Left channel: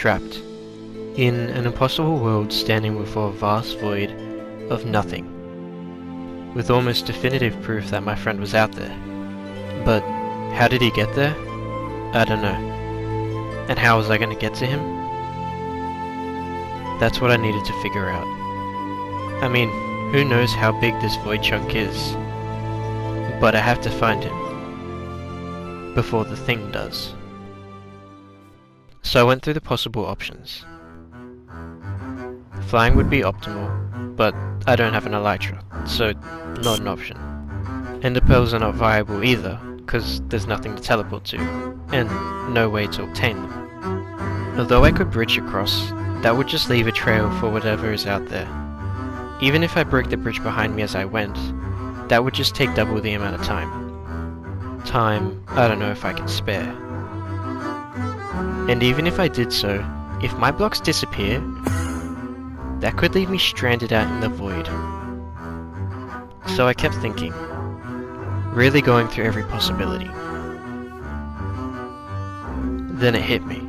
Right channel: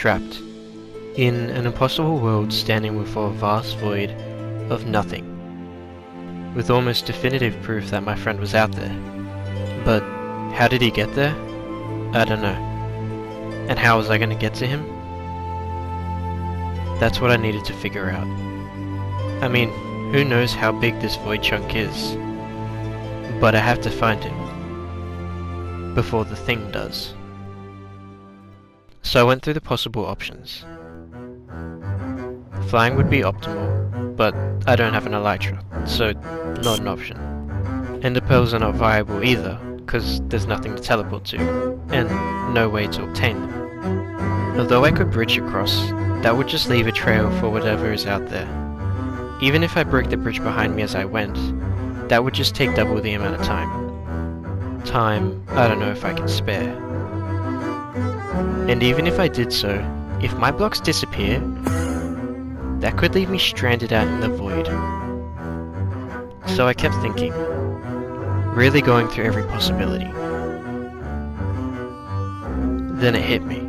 trapped in an impossible world standing before a vast void of nothing, with almost definitive proof that my friend was out there. But how did he get there? I don't know. And how was I going to get to him? That's what I needed to figure out. I mean, who knows how big this void chunk is? But I have to find him before the thing does. So I went through the possible options. Flying would be optimal, but I don't have an elytra, so not an option. Ender pearls are not viable either, because there's nothing to teleport to, and no way to obtain them. Although I could bridge across, that would just leave a trail for whatever is out there. Even if I broke the bridge behind me as I went, that would just take double the amount of time. Time I don't know if I can spare. And even if I did so, if my blocks disappear, that could leave me stranded out in the void. So I kept thinking, really going through every possibility. Then it hit me.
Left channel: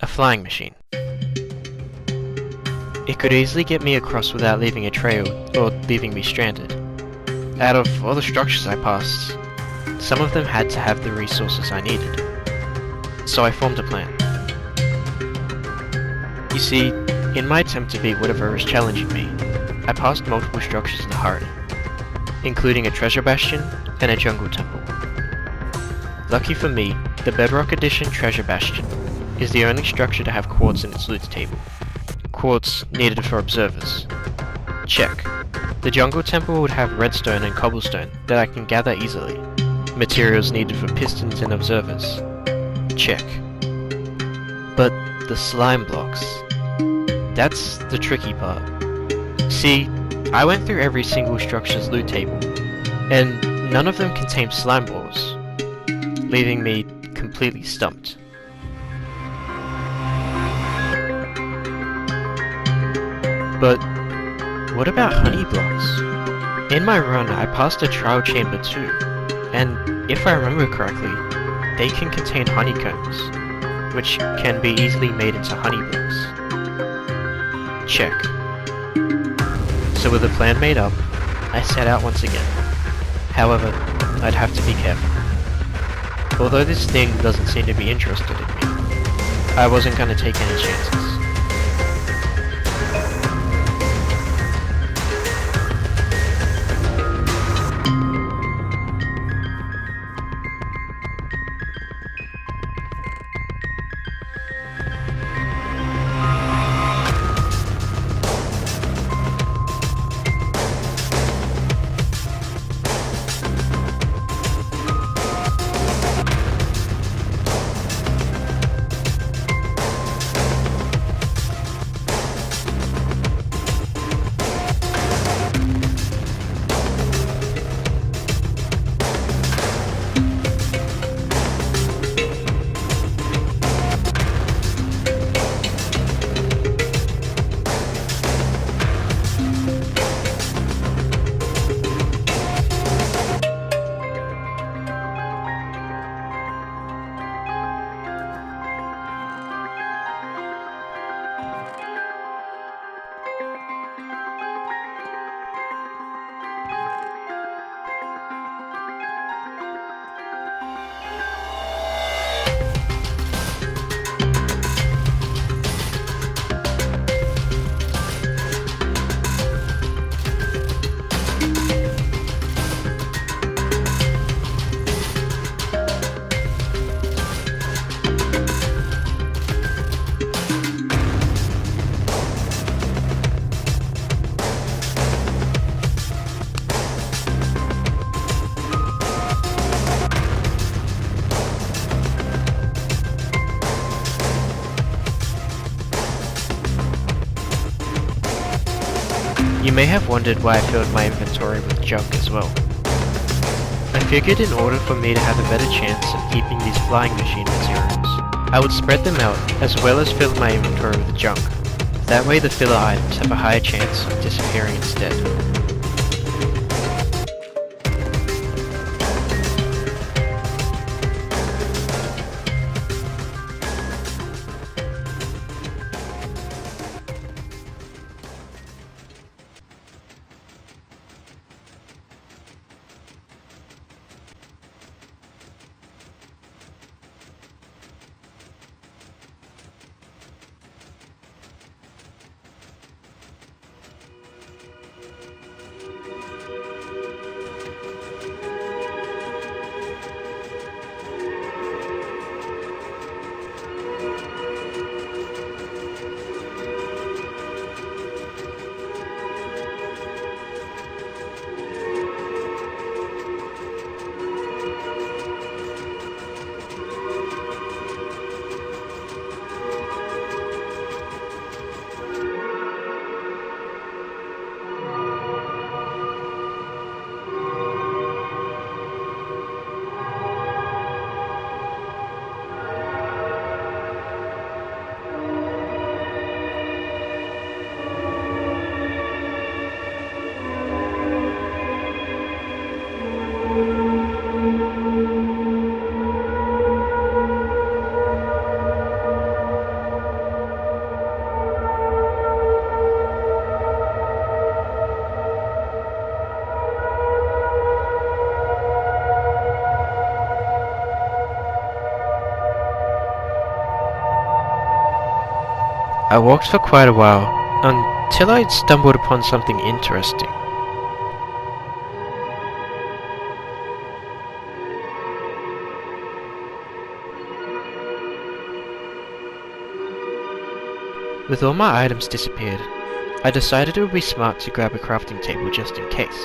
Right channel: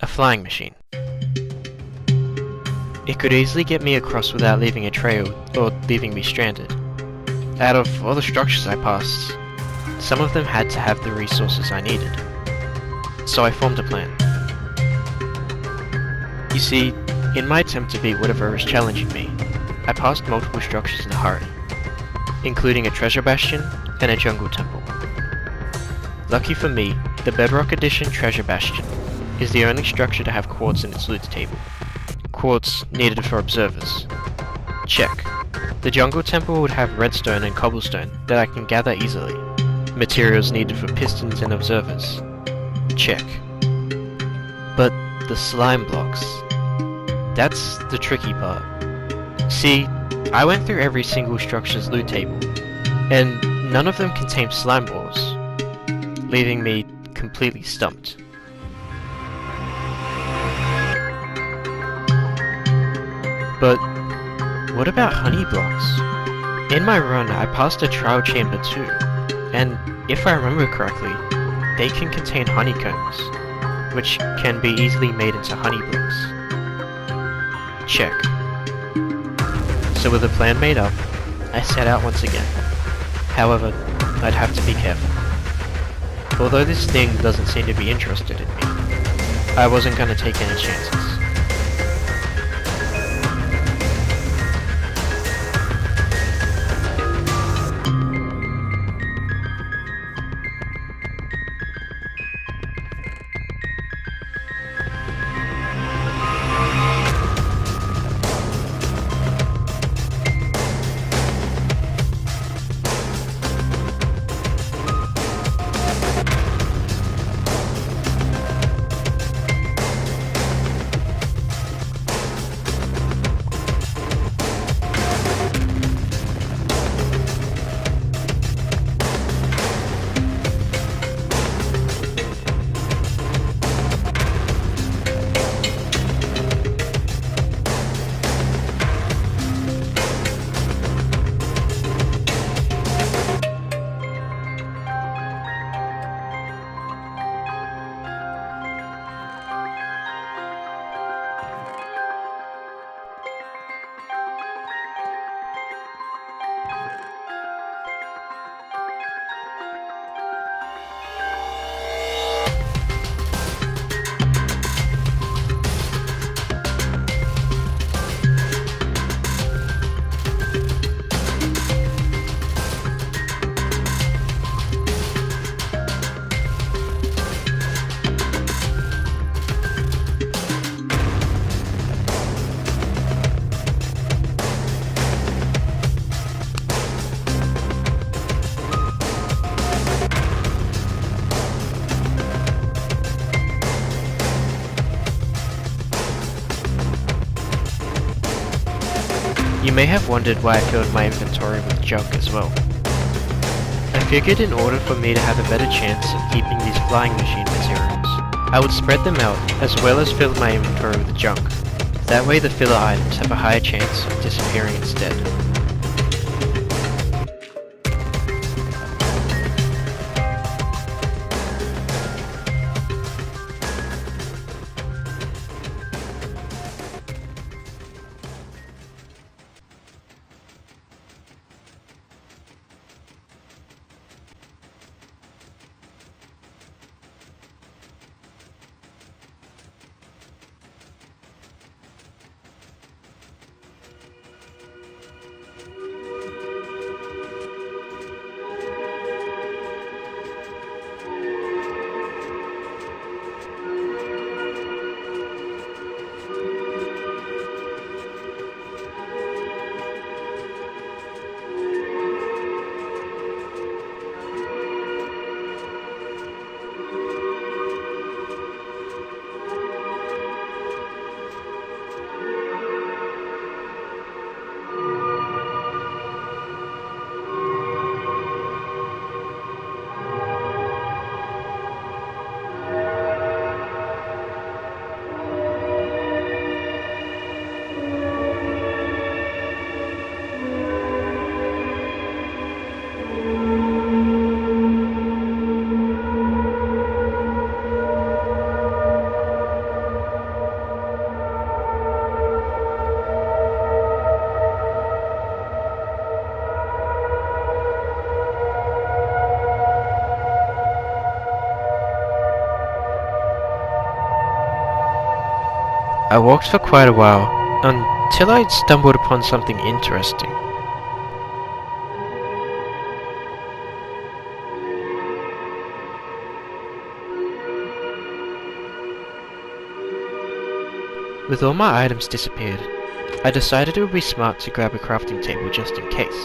A flying machine. It could easily get me across without leaving a trail or leaving me stranded. Out of all the structures I passed, some of them had to have the resources I needed. So I formed a plan. You see, in my attempt to beat whatever is challenging me, I passed multiple structures in a hurry, including a treasure bastion and a jungle temple. Lucky for me, the Bedrock Edition treasure bastion is the only structure to have quartz in its loot table. Quartz needed for observers. Check. The jungle temple would have redstone and cobblestone that I can gather easily. Materials needed for pistons and observers. Check. But the slime blocks. That's the tricky part. See, I went through every single structure's loot table, and none of them contained slime balls, leaving me completely stumped. But what about honey blocks? In my run, I passed a trial chamber too, and if I remember correctly, they can contain honeycombs, which can be easily made into honey blocks. Check. So with a plan made up, I set out once again. However, I'd have to be careful. Although this thing doesn't seem to be interested in me, I wasn't going to take any chances. You may have wondered why I filled my inventory with junk as well. I figured in order for me to have a better chance of keeping these flying machine materials, I would spread them out as well as fill my inventory with junk. That way the filler items have a higher chance of disappearing instead. I walked for quite a while, until I stumbled upon something interesting. With all my items disappeared, I decided it would be smart to grab a crafting table just in case.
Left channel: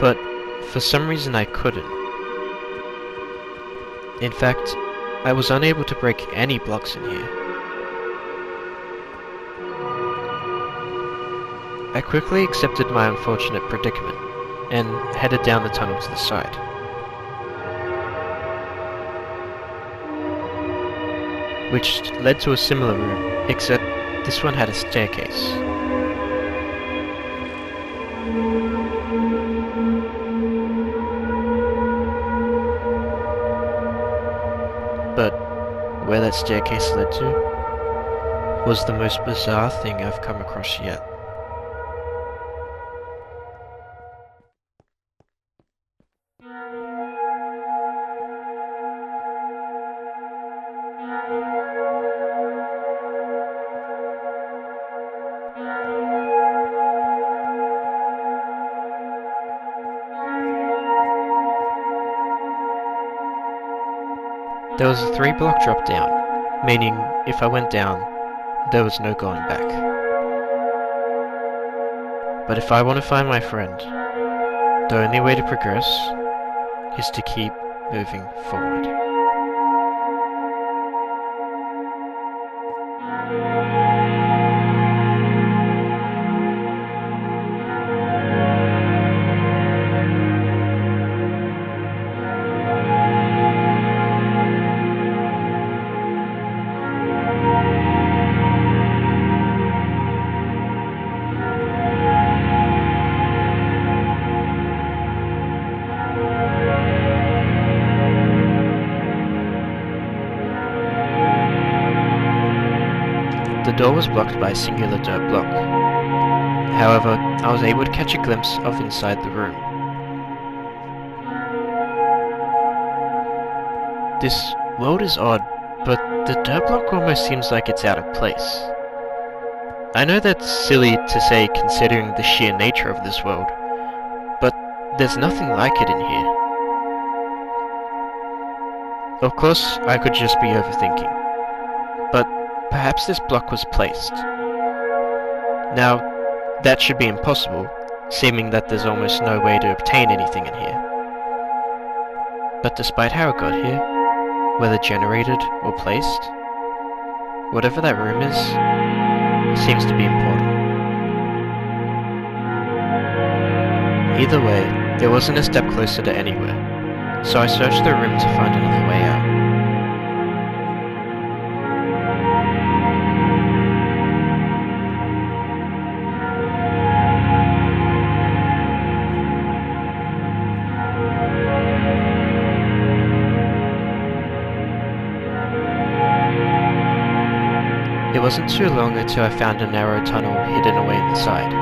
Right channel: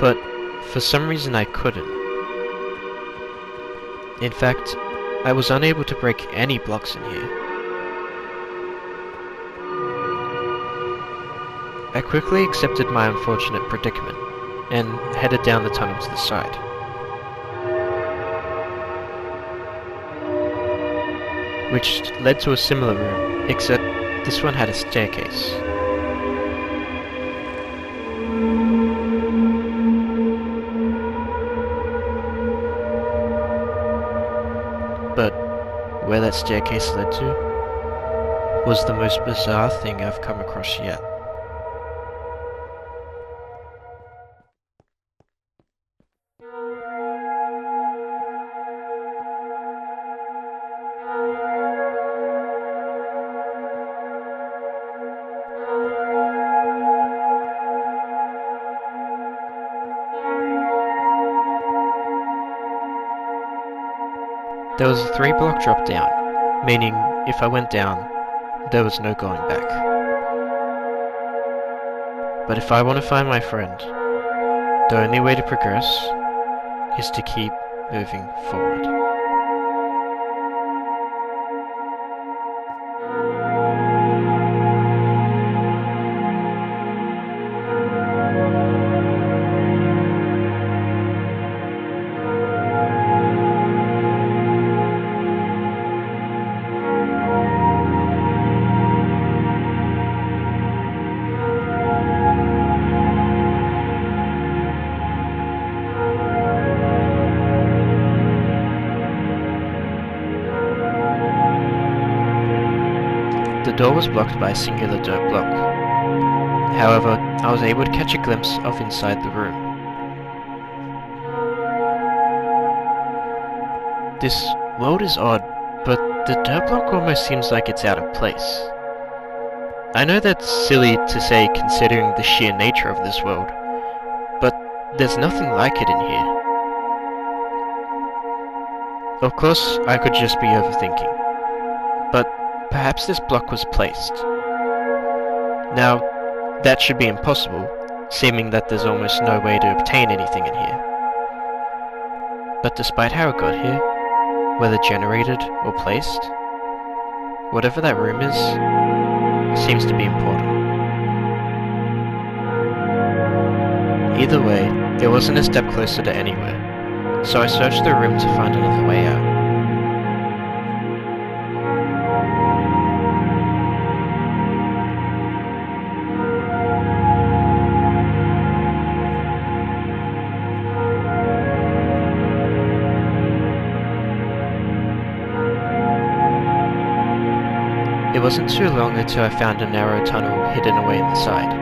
But for some reason I couldn't. In fact, I was unable to break any blocks in here. I quickly accepted my unfortunate predicament and headed down the tunnel to the side. Which led to a similar room, except this one had a staircase. But where that staircase led to was the most bizarre thing I've come across yet. There was a 3-block drop down, meaning if I went down, there was no going back. But if I want to find my friend, the only way to progress is to keep moving forward. The door was blocked by a singular dirt block. However, I was able to catch a glimpse of inside the room. This world is odd, but the dirt block almost seems like it's out of place. I know that's silly to say considering the sheer nature of this world, but there's nothing like it in here. Of course, I could just be overthinking, but perhaps this block was placed. Now, that should be impossible, seeming that there's almost no way to obtain anything in here. But despite how it got here, whether generated or placed, whatever that room is, seems to be important. Either way, it wasn't a step closer to anywhere, so I searched the room to find another way out. It wasn't too long until I found a narrow tunnel hidden away in the side.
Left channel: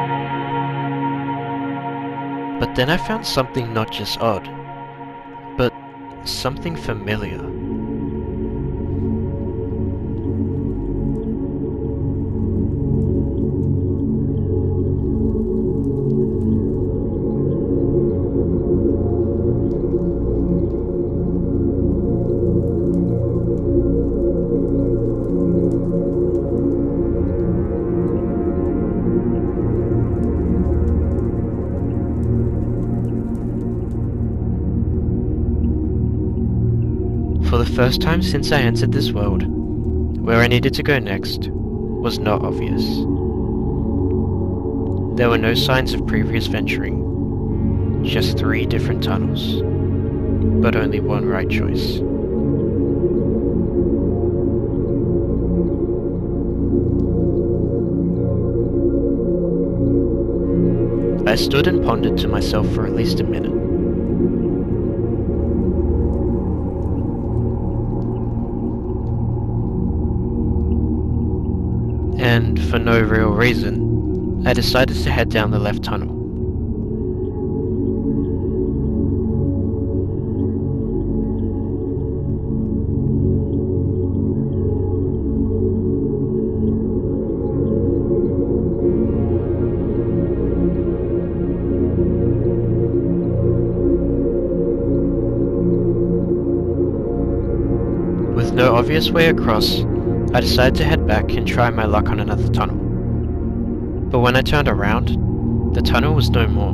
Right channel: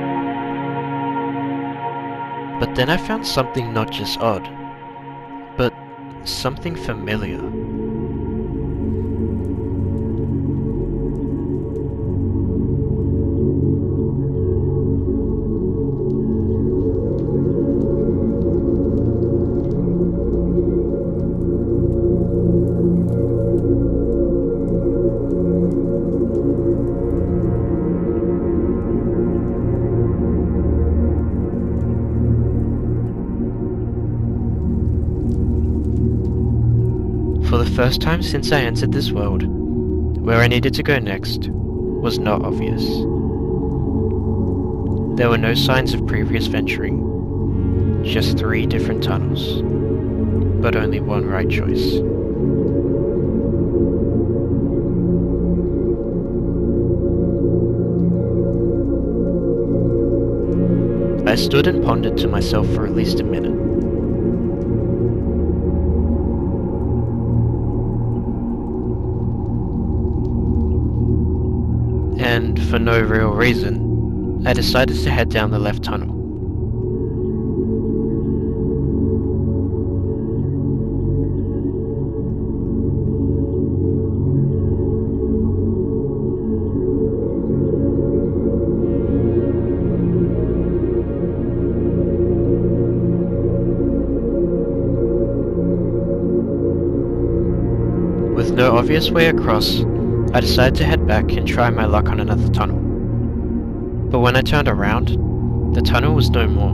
But then I found something not just odd, but something familiar. For the first time since I entered this world, where I needed to go next was not obvious. There were no signs of previous venturing, just 3 different tunnels, but only one right choice. I stood and pondered to myself for at least a minute. And for no real reason, I decided to head down the left tunnel. With no obvious way across, I decided to head back and try my luck on another tunnel. But when I turned around, the tunnel was no more.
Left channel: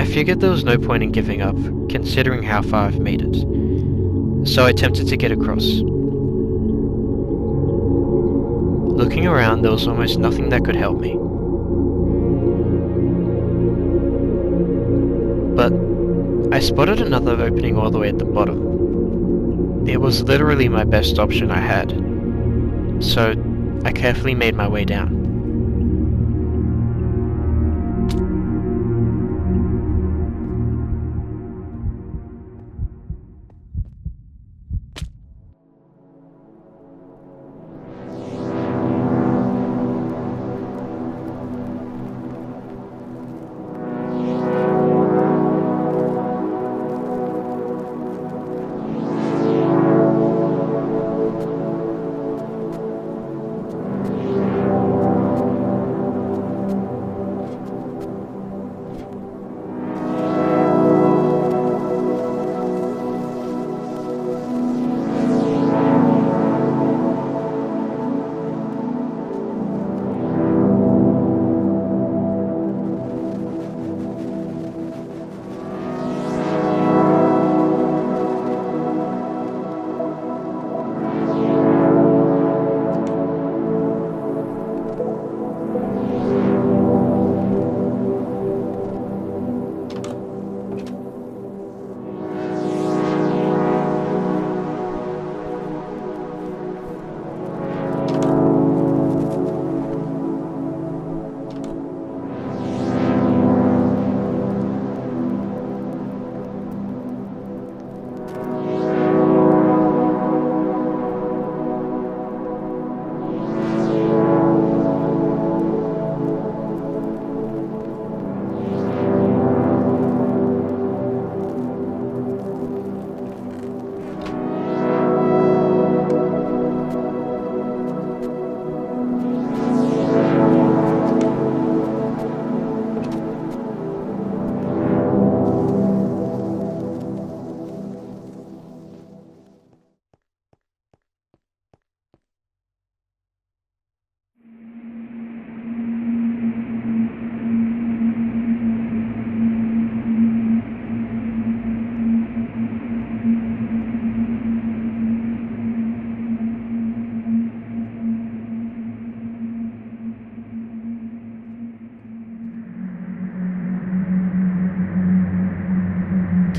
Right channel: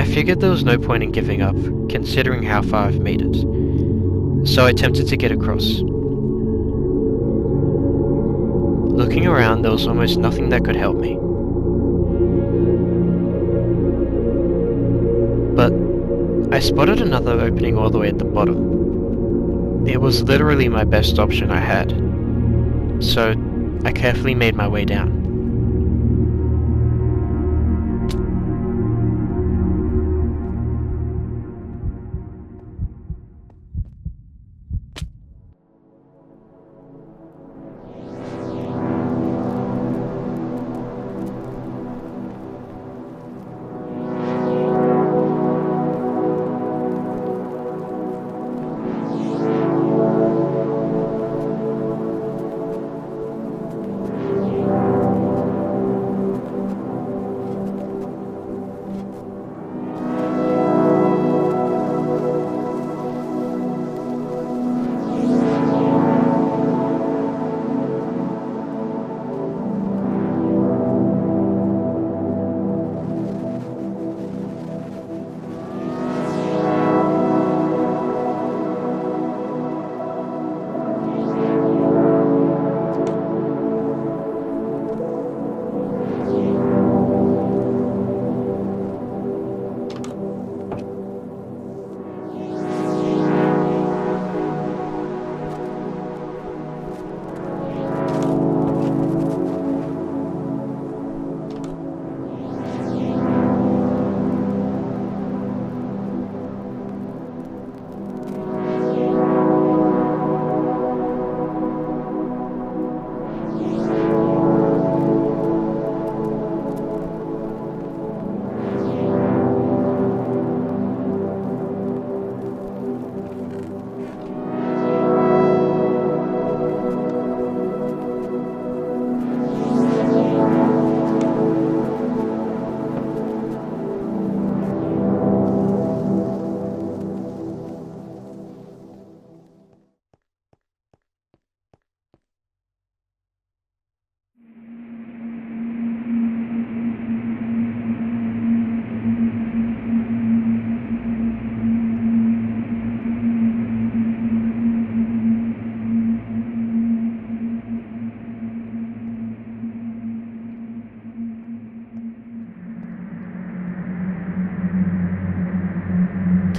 I figured there was no point in giving up, considering how far I've made it, so I attempted to get across. Looking around, there was almost nothing that could help me. But I spotted another opening all the way at the bottom. It was literally my best option I had, so I carefully made my way down.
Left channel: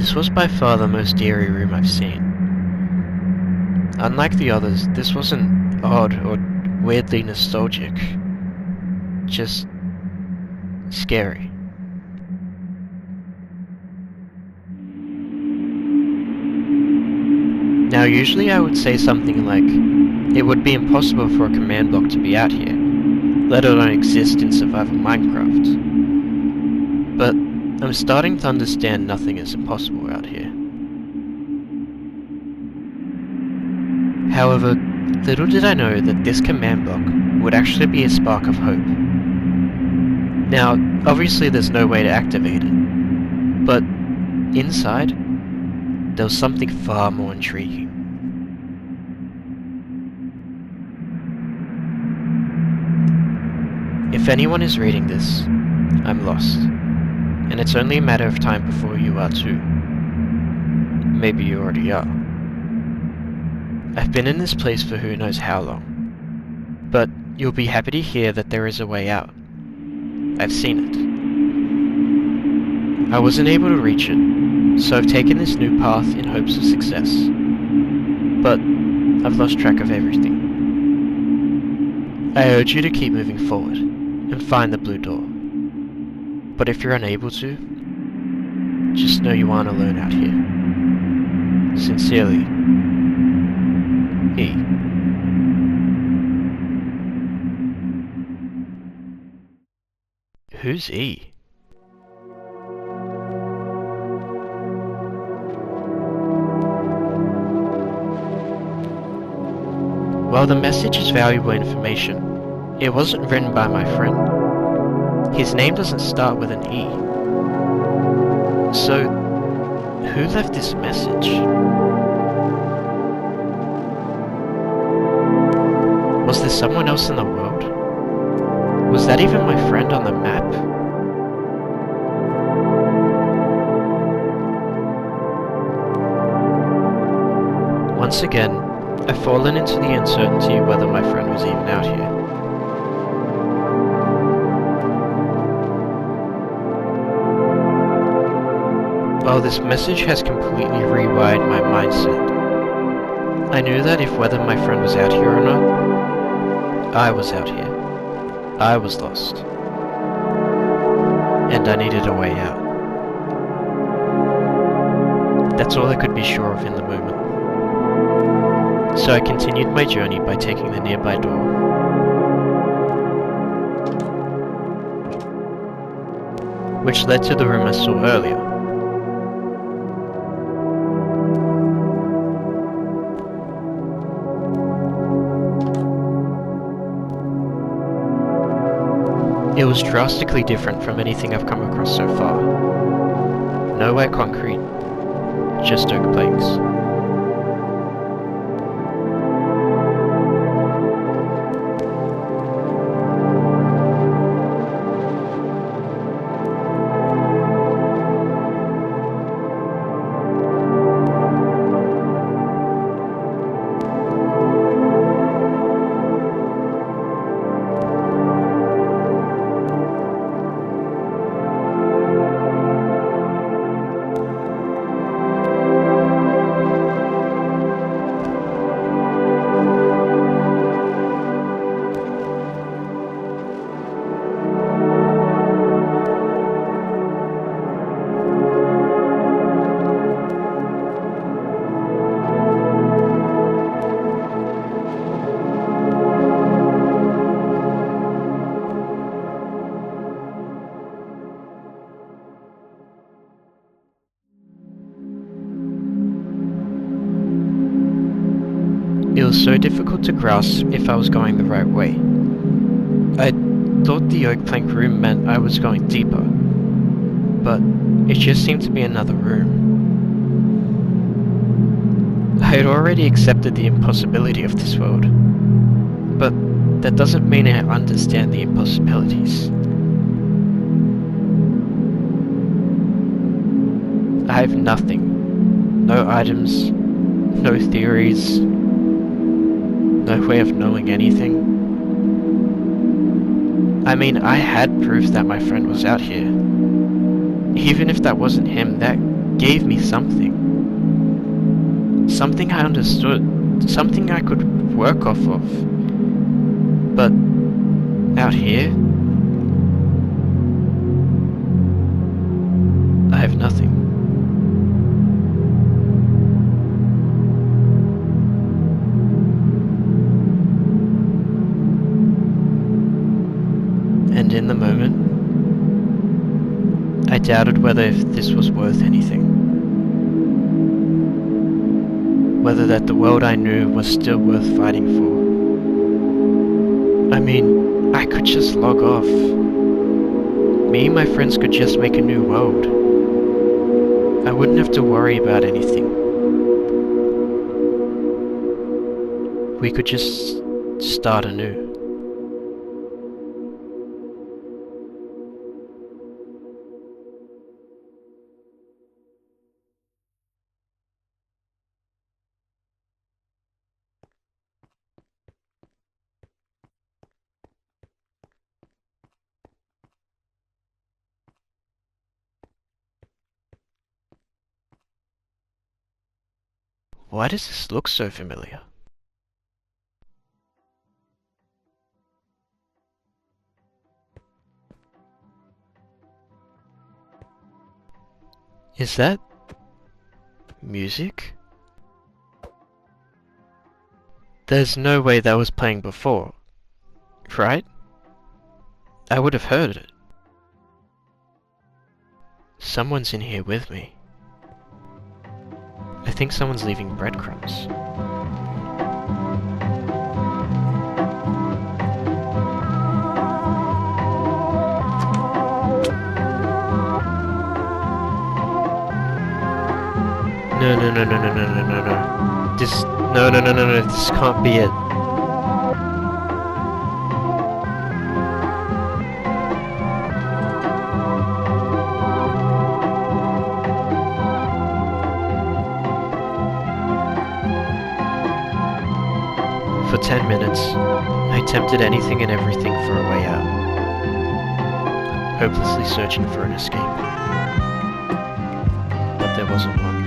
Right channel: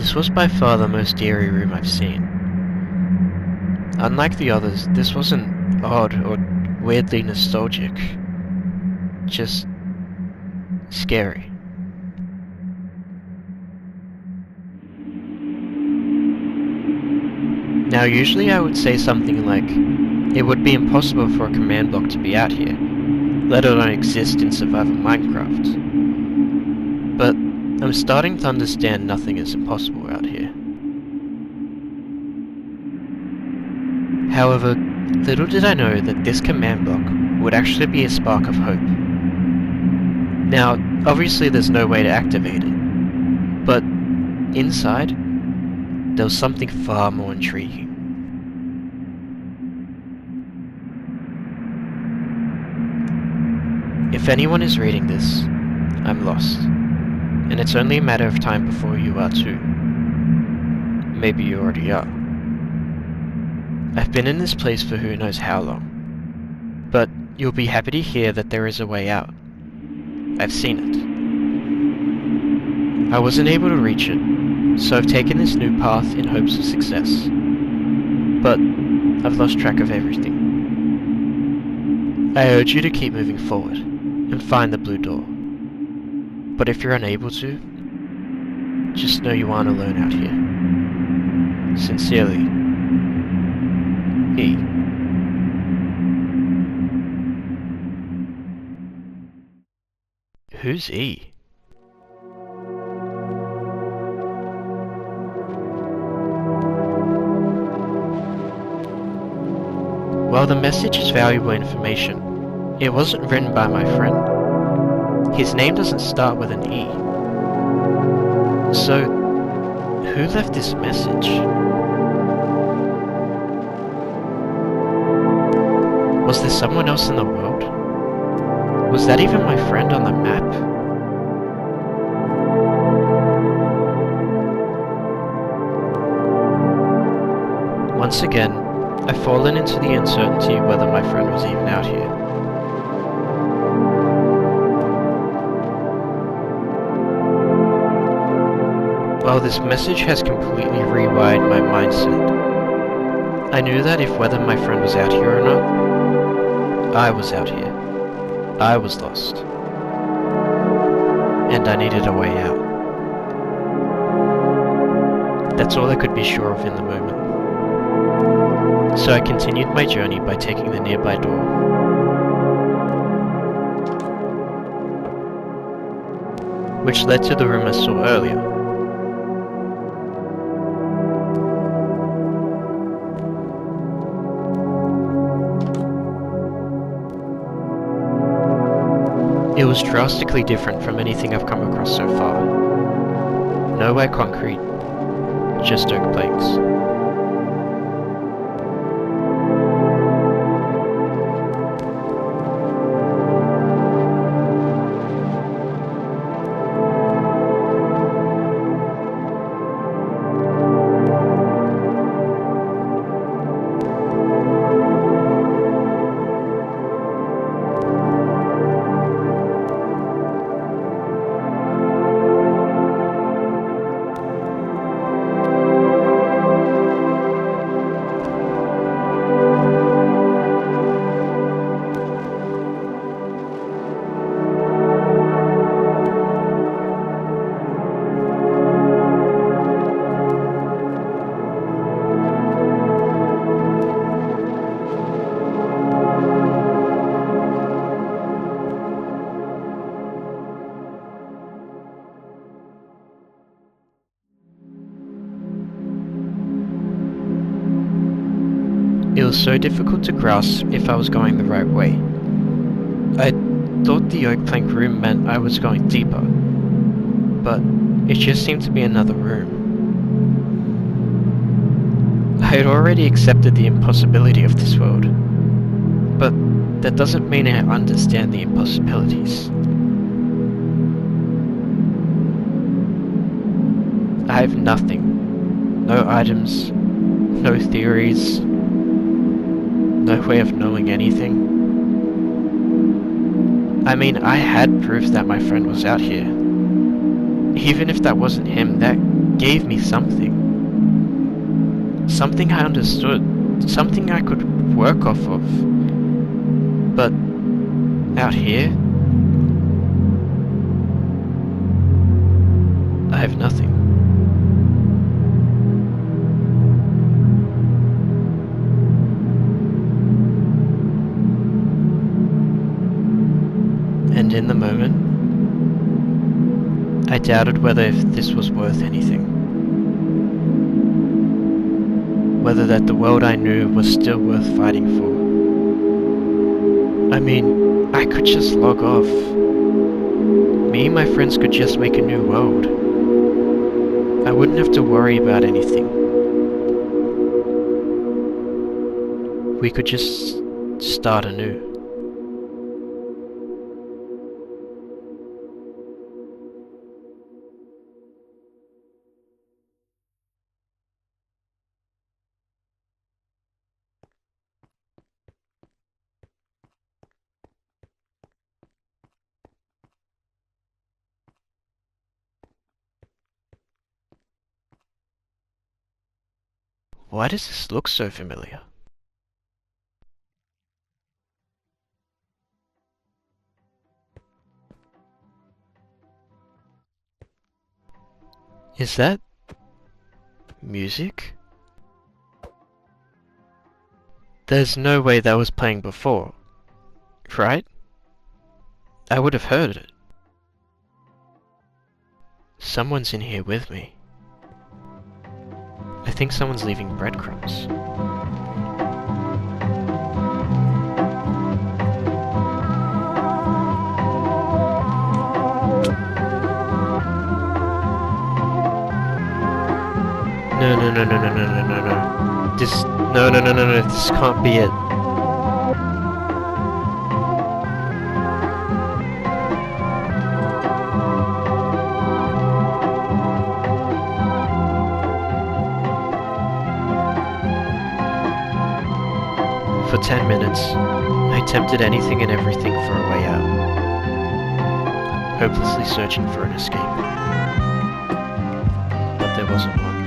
This was by far the most eerie room I've seen. Unlike the others, this wasn't odd or weirdly nostalgic, just scary. Now usually I would say something like, it would be impossible for a command block to be out here, let alone exist in survival Minecraft. But I'm starting to understand nothing is impossible out here. However, little did I know that this command block would actually be a spark of hope. Now, obviously there's no way to activate it, but inside, there was something far more intriguing. If anyone is reading this, I'm lost. And it's only a matter of time before you are too. Maybe you already are. I've been in this place for who knows how long, but you'll be happy to hear that there is a way out. I've seen it. I wasn't able to reach it, so I've taken this new path in hopes of success. But I've lost track of everything. I urge you to keep moving forward and find the blue door. But if you're unable to, just know you aren't alone out here. Sincerely, E. Who's E? While the message is valuable information, it wasn't written by my friend. His name doesn't start with an E. So, who left this message? Was there someone else in the world? Was that even my friend on the map? Once again, I've fallen into the uncertainty whether my friend was even out here. Well, this message has completely rewired my mindset. I knew that if whether my friend was out here or not, I was out here. I was lost. And I needed a way out. That's all I could be sure of in the moment. So I continued my journey by taking the nearby door. Which led to the room I saw earlier. It was drastically different from anything I've come across so far. Nowhere concrete, just oak planks. It was so difficult to grasp if I was going the right way. I thought the oak plank room meant I was going deeper, but it just seemed to be another room. I had already accepted the impossibility of this world, but that doesn't mean I understand the impossibilities. I have nothing. No items, no theories, no way of knowing anything. I mean, I had proof that my friend was out here. Even if that wasn't him, that gave me something. Something I understood. Something I could work off of. But out here, I have nothing. And in the moment, I doubted whether if this was worth anything. Whether that the world I knew was still worth fighting for. I mean, I could just log off. Me and my friends could just make a new world. I wouldn't have to worry about anything. We could just start anew. Why does this look so familiar? Is that music? There's no way that was playing before, right? I would have heard it. Someone's in here with me. I think someone's leaving breadcrumbs. No, no, no, no, no, no, no, no, no. This... No, no, no, no, no, this can't be it. For 10 minutes, I attempted anything and everything for a way out, hopelessly searching for an escape. But there wasn't one.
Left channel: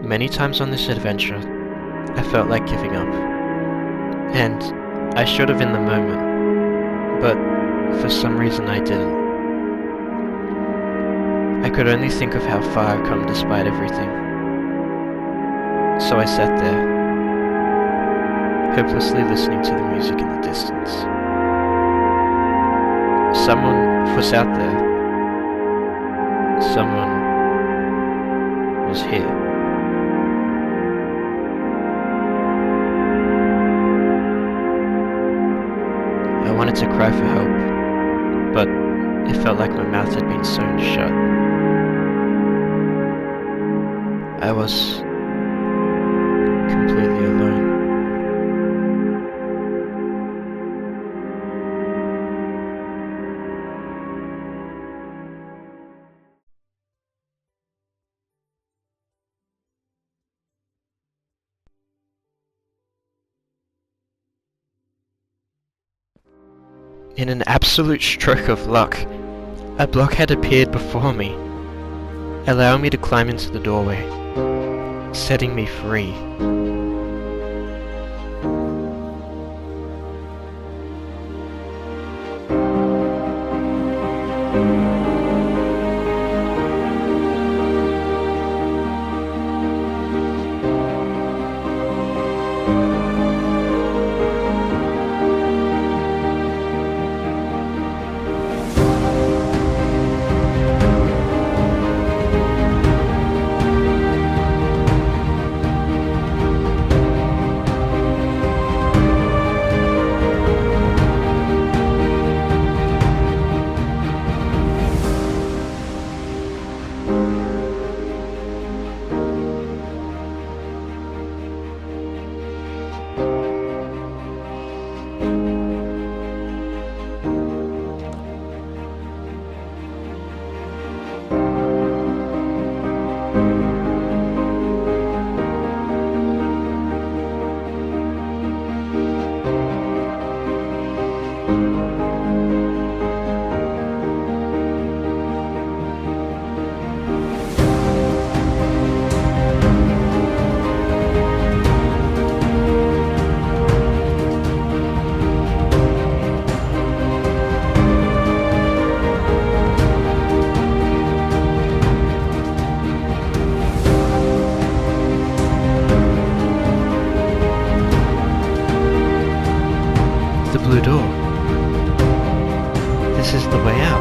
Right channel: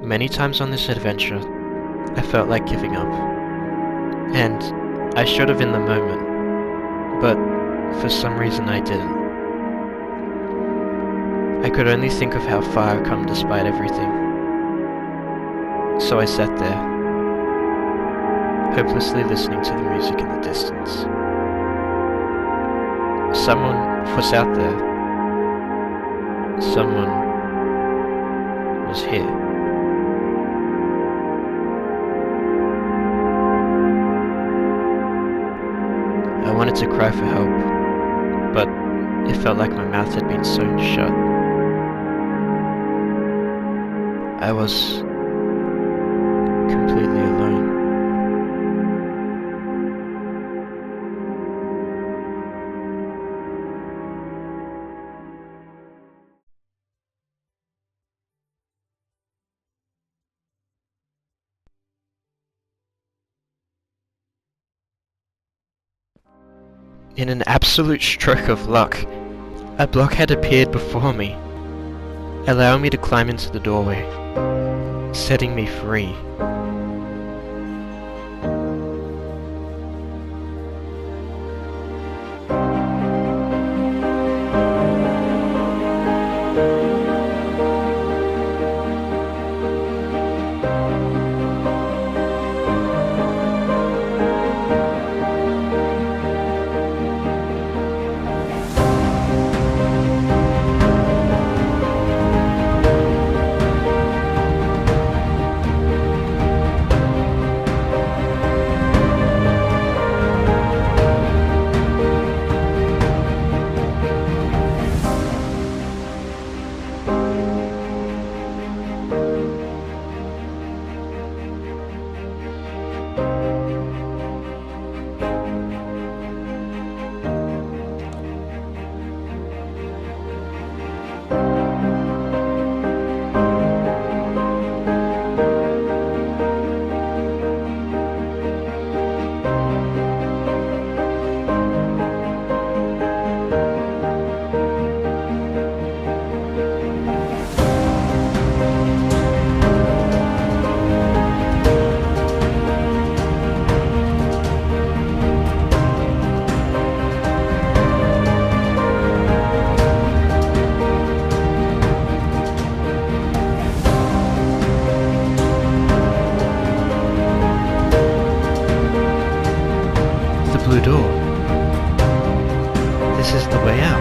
Many times on this adventure, I felt like giving up. And I should have in the moment, but for some reason I didn't. I could only think of how far I've come despite everything. So I sat there, hopelessly listening to the music in the distance. Someone was out there. Someone was here. I wanted to cry for help, but it felt like my mouth had been sewn shut. I was completely alone. In an absolute stroke of luck, a block had appeared before me, allowing me to climb into the doorway, setting me free. The blue door. This is the way out.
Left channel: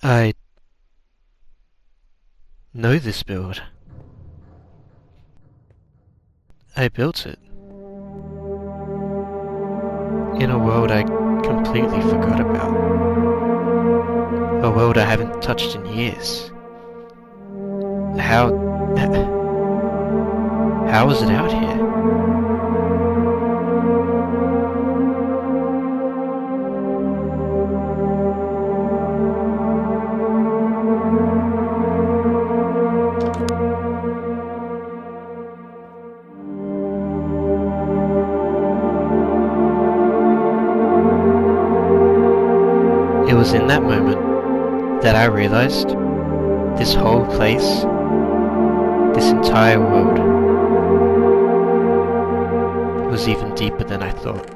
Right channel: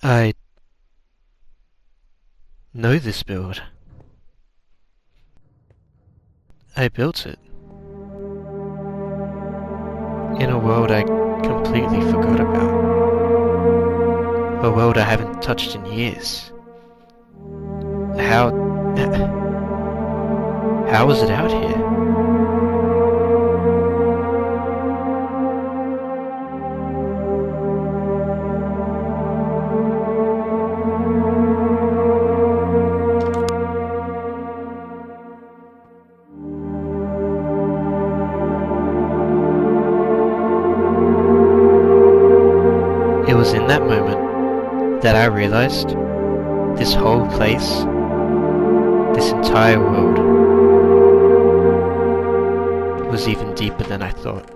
I know this build. I built it. In a world I completely forgot about. A world I haven't touched in years. How How was it out here? It was in that moment that I realized this whole place, this entire world, was even deeper than I thought.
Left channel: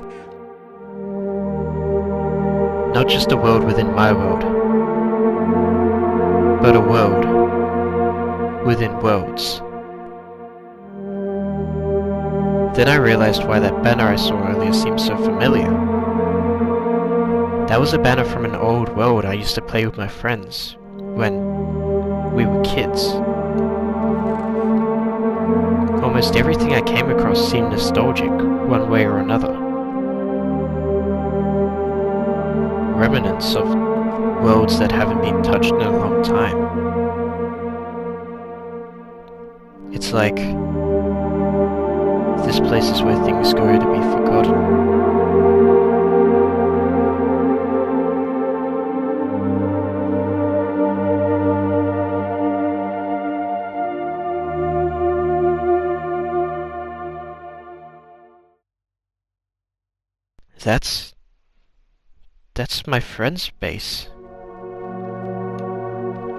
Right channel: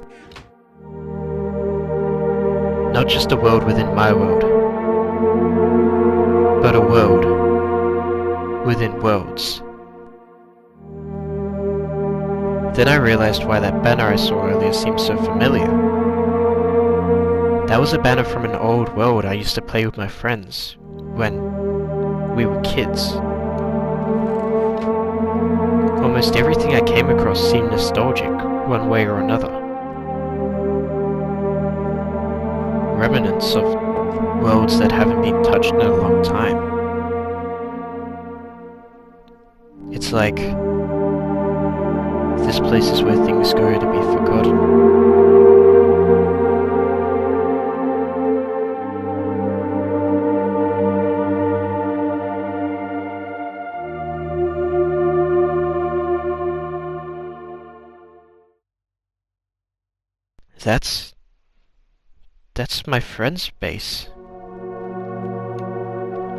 Not just a world within my world, but a world within worlds. Then I realized why that banner I saw earlier seemed so familiar. That was a banner from an old world I used to play with my friends when we were kids. Almost everything I came across seemed nostalgic, one way or another. Remnants of worlds that haven't been touched in a long time. It's like this place is where things go to be forgotten. That's my friend's base.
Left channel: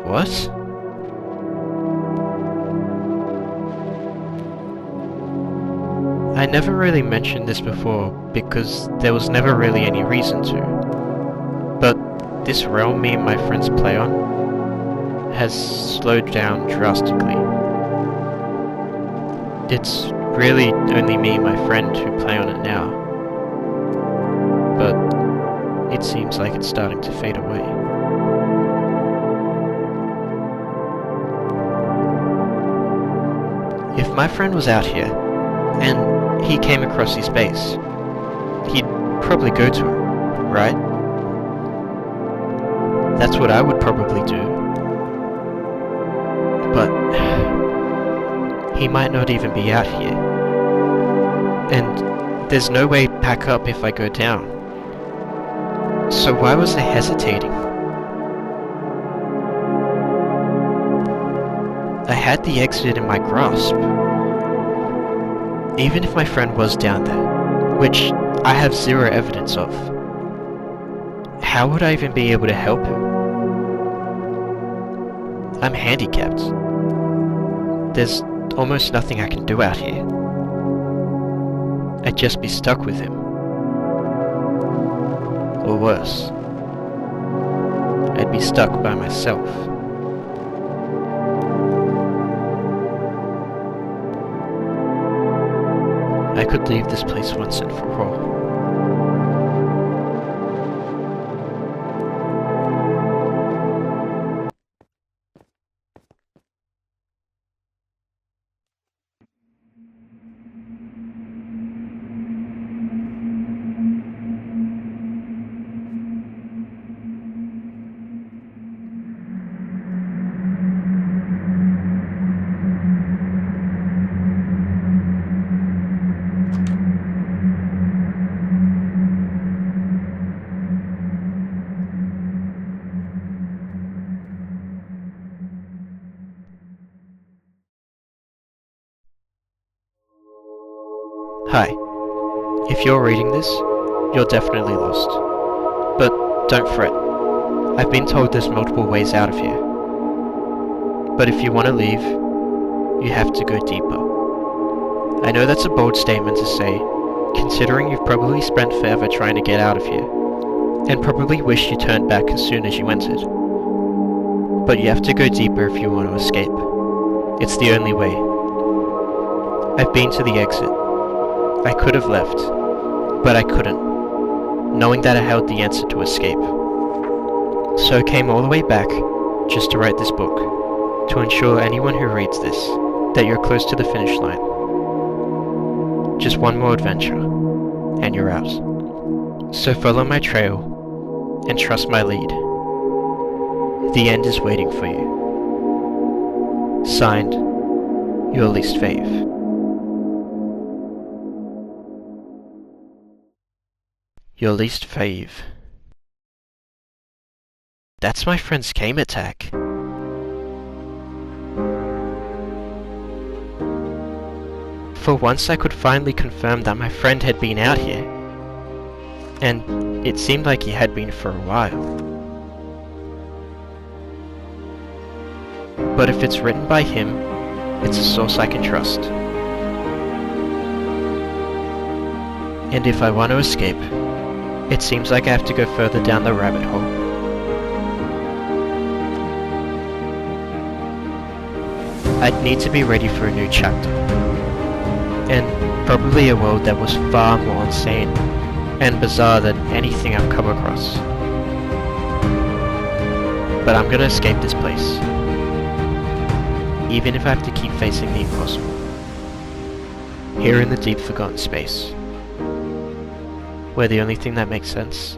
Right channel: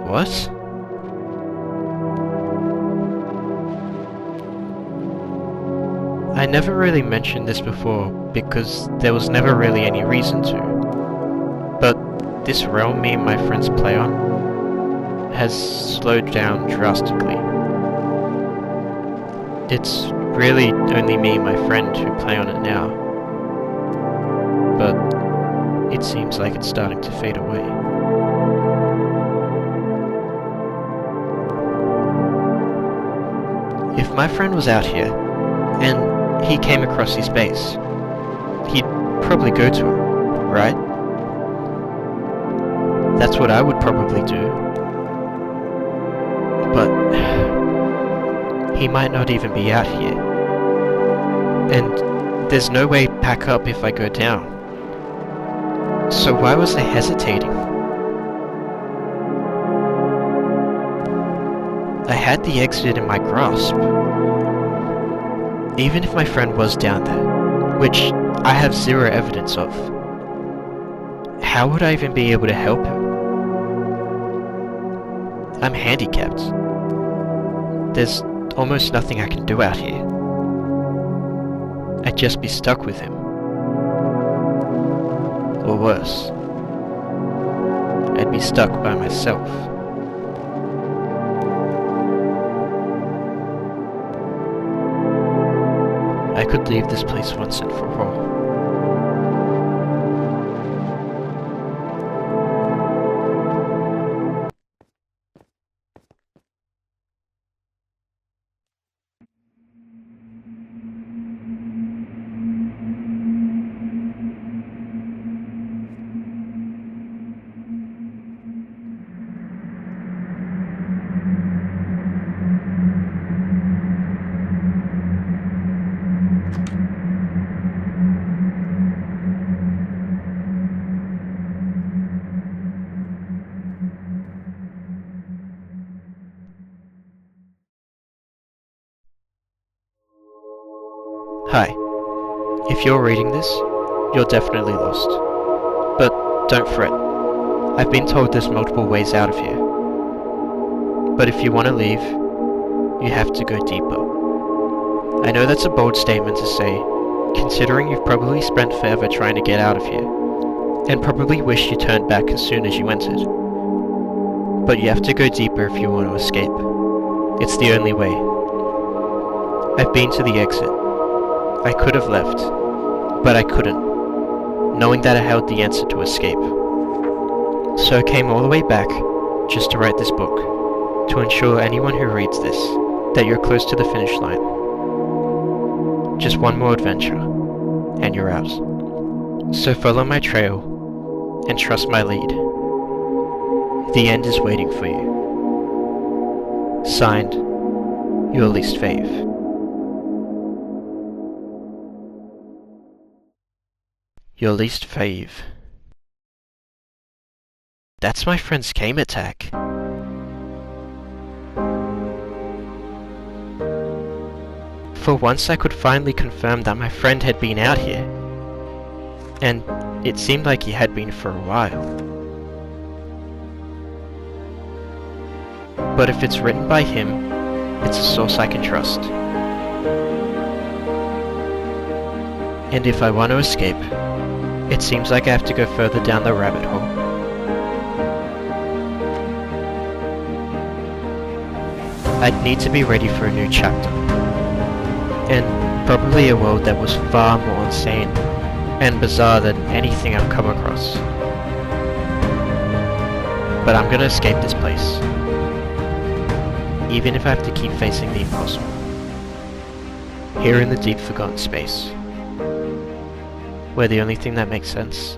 What? I never really mentioned this before because there was never really any reason to. But this realm me and my friends play on has slowed down drastically. It's really only me and my friend who play on it now. But it seems like it's starting to fade away. If my friend was out here, and he came across his base, he'd probably go to it, right? That's what I would probably do. But he might not even be out here. And there's no way to pack up if I go down. So why was I hesitating? I had the exit in my grasp. Even if my friend was down there, which I have zero evidence of, how would I even be able to help him? I'm handicapped. There's almost nothing I can do out here. I'd just be stuck with him. Or worse, I'd be stuck by myself. I could leave this place once and for all. Hi. If you're reading this, you're definitely lost. But don't fret. I've been told there's multiple ways out of here. But if you want to leave, you have to go deeper. I know that's a bold statement to say, considering you've probably spent forever trying to get out of here, and probably wish you turned back as soon as you entered. But you have to go deeper if you want to escape. It's the only way. I've been to the exit. I could have left, but I couldn't, knowing that I held the answer to escape. So I came all the way back, just to write this book, to ensure anyone who reads this, that you're close to the finish line. Just one more adventure, and you're out. So follow my trail, and trust my lead. The end is waiting for you. Signed, your least fave. Your least fave. That's my friend's gamer tag. For once I could finally confirm that my friend had been out here. And it seemed like he had been for a while. But if it's written by him, it's a source I can trust. And if I want to escape, it seems like I have to go further down the rabbit hole. I'd need to be ready for a new chapter. And probably a world that was far more insane and bizarre than anything I've come across. But I'm gonna escape this place. Even if I have to keep facing the impossible. Here in the deep forgotten space. Where the only thing that makes sense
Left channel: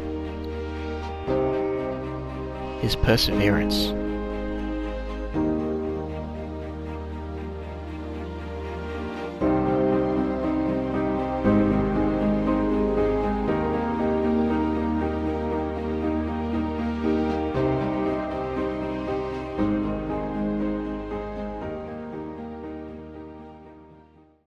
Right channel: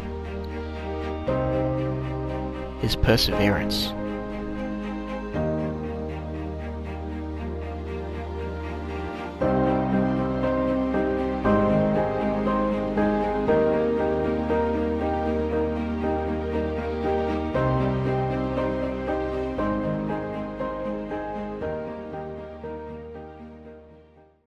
is perseverance.